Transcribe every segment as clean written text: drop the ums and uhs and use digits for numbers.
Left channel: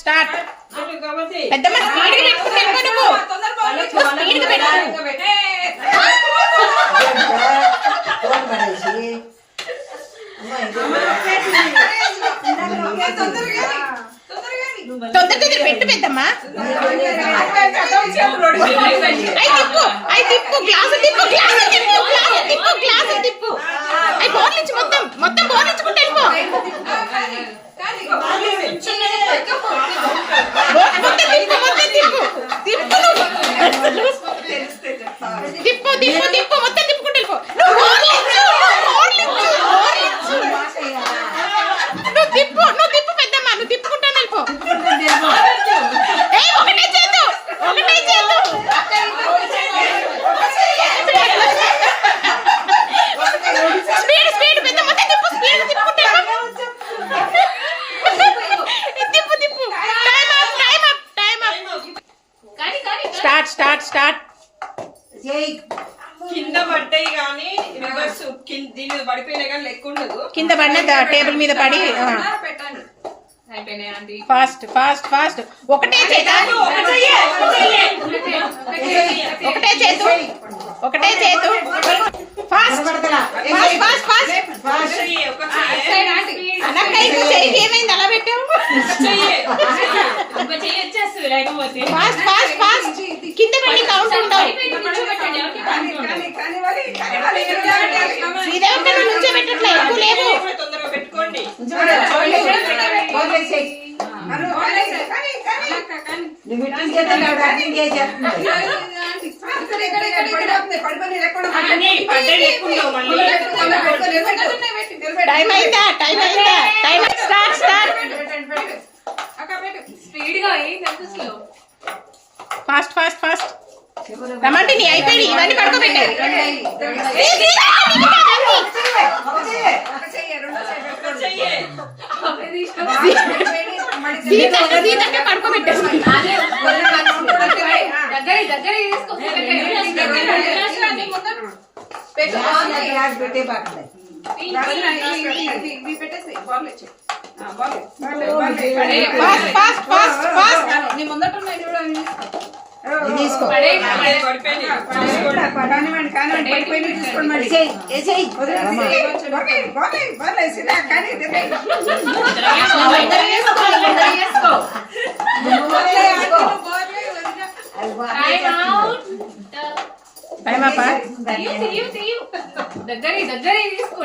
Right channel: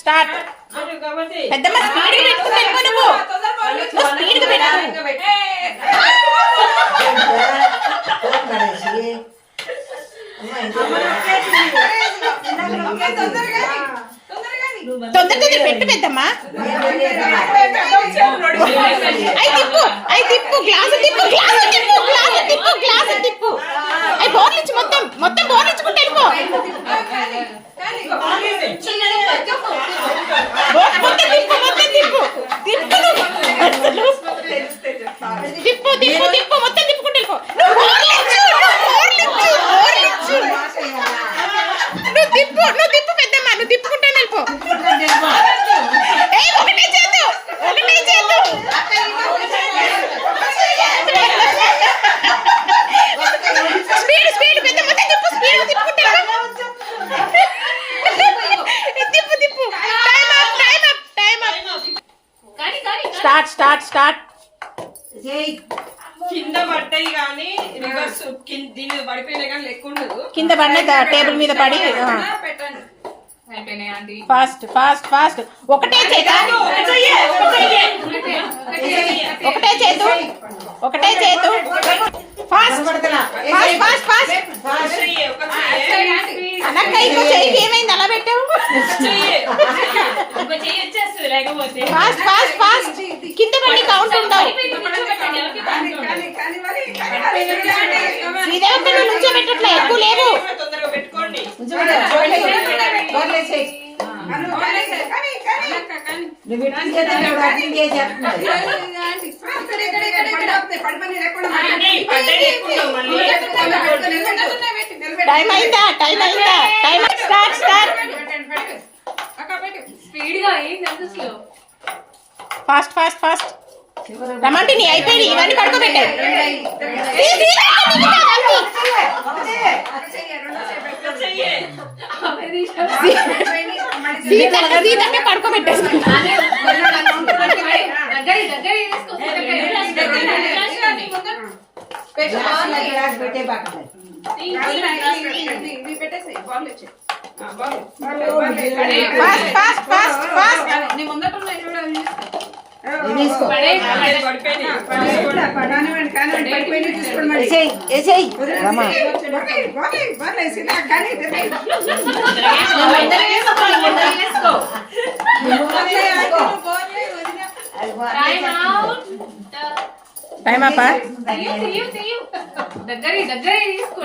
Start. పెద్దమ్మ speed గా పెట్టుకుంటే నువ్వు స్పీడ్ గా పెట్టు. తొందర పెట్టు పెద్దమ్మా. అయి తిప్పు గ్లాసు తిప్పు గ్లాసు తిప్పు గ్లాసు తిప్పు గ్లాసు తిప్పు. అయి బోర్ నుంచి మొత్తం మొత్తం బోర్ నుంచుకుంటే వెళ్ళిపో. మొత్తం తిప్పు మొత్తం తిప్పు తిప్పు తిప్పు తిప్పు తిప్పు మొత్తం తిప్పుకుంటే వెళ్ళిపో. నువ్వు తిప్పు పెద్దమ్మా, నువ్వు తిప్పుకుంటాను వెళ్ళిపో. ఒకటే చేతు ఒకటే చేతు. స్పీడ్ స్పీడ్ పెద్ద మొత్తం తిప్పు స్పీడ్ తిప్పుకుంటే తిప్పు తిప్పు. Time up time up time up. Start start start. కింద పడ్డాయి కానీ రివర్స్ దీని మీద పడిపోయినా కానీ లెక్క ఉండదు. కింద పడిన టేబుల్ మీద పడి పెట్టండి. Fast fast fast. ఒకటే చేత ఒకటే చేతు ఒకటే చేతు. Fast fast fast fast. ఏమైంది అలా పెట్టావు? Fast fast fast. కింద పడి కౌంట్ ఉండవు. నుంచే పెట్టట్లే ఎక్కువ లేవు. టైం అయిందా టైం అయిందా time. Start start. Fast fast fast. రమంటే నీ అయిపోయి ఇవన్నీ పడుకోబెట్టాయి. పడుకోబెట్టేసి ఫాస్ట్ ఫాస్ట్ ఫాస్ట్ ఫాస్ట్.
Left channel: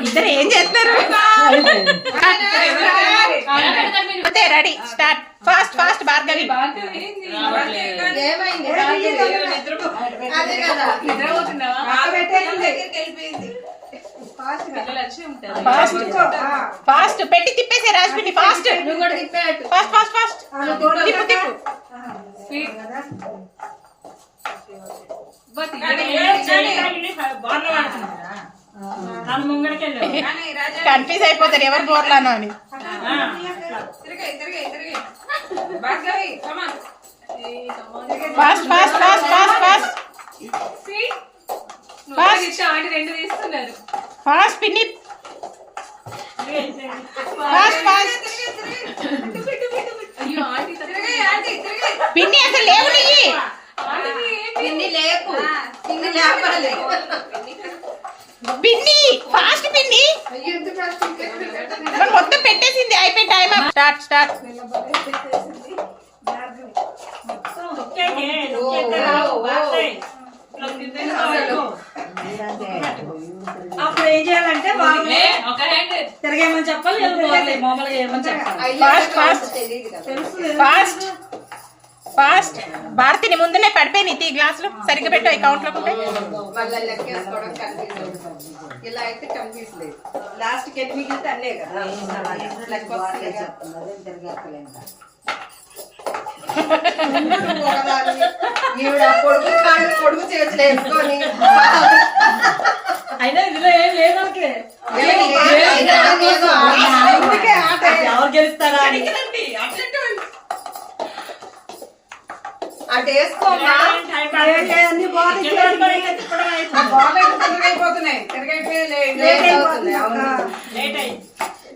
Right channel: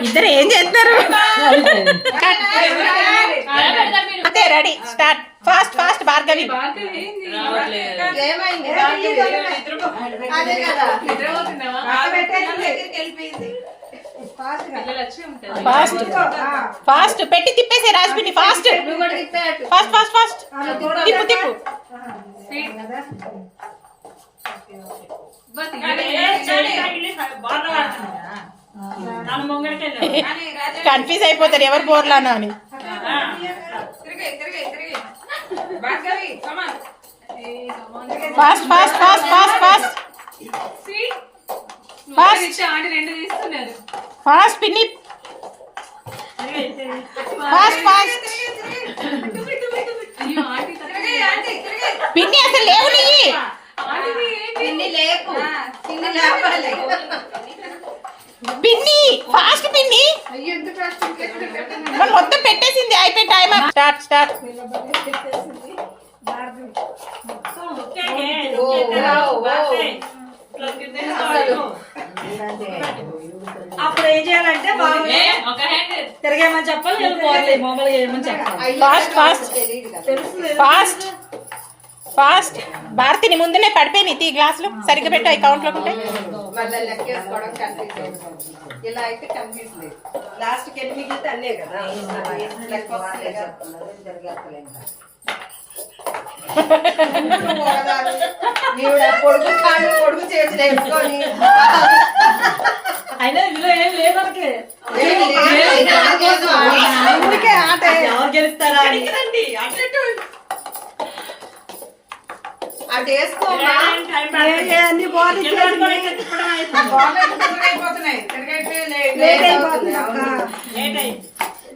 ఇద్దరు ఏం చేస్తారు? Ready start. Fast fast. Bhargavi fast fast పెట్టి తిప్పేసే రాజుని. Fast fast fast fast. తిప్పు తిప్పు. కన్ఫ్యూజ్ అయిపోతారు ఎవరు బోర్లానా అని. Fast fast fast fast fast fast పిన్ని. ఫాస్ట్ ఫాస్ట్ పిన్ని అసలు లేవు పిన్ని. ఫాస్ట్ పిన్ని. మొత్తం పెట్టేసింది అయిపోయి టైం. Start start. అప్పుడు ఏం చేయాలంటే తిరగేమని చెప్పాలి, మామూలుగా చేయమని చెప్పాలి. Fast fast fast fast. భారతిని ముందునే పడిపోయి తీ గ్లాసులు సరిగ్గా పెట్టు అకౌంట్ లో. ఇలా అయితే కన్ఫ్యూజ్ లేదు. లాస్ట్ కి ఎన్ని మిగిలితే అల్లే కదా. పొడుగు కాళ్ళు పొడుగు చేతులు వేసుకొని అయినా ఇందులో ఏం లేదు మనకి. ఎవరు గెలుస్తారా అటు వేసుకోపోతున్నాయి.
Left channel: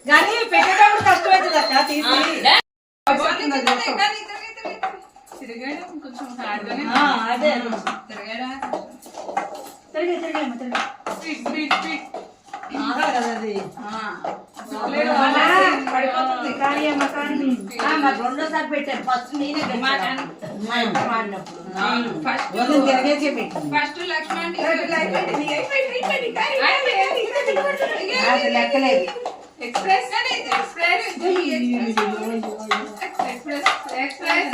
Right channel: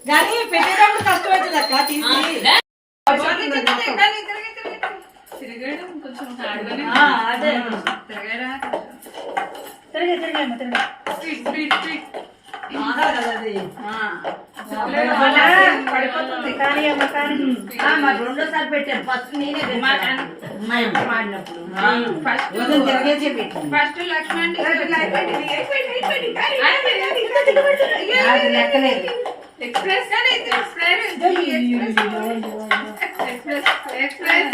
కానీ పెట్టేటప్పుడు కష్టం అవుతుంది అక్క. తీసి తిరగడం కొంచెం హార్డ్గానే అదే తిరగడం తిరగమ్మ తిరగ స్పీడ్ స్పీడ్ స్పీడ్ ఆగాలి కదా అది పడిపోతుంది. కానీ అమ్మ కానీ మాకు రెండోసారి పెట్టాను ఫస్ట్ నేనే పెట్టాను మా అమ్మ మాడినప్పుడు ఫస్ట్ వదిన తిరగేసే పెట్టింది. ఫస్ట్ లక్ష్మణ్ అది లెక్కలేదు. ఎక్స్ప్రెస్ కానీ ఎక్స్ప్రెస్ ఎక్స్ప్రెస్ ఎక్స్ప్రెస్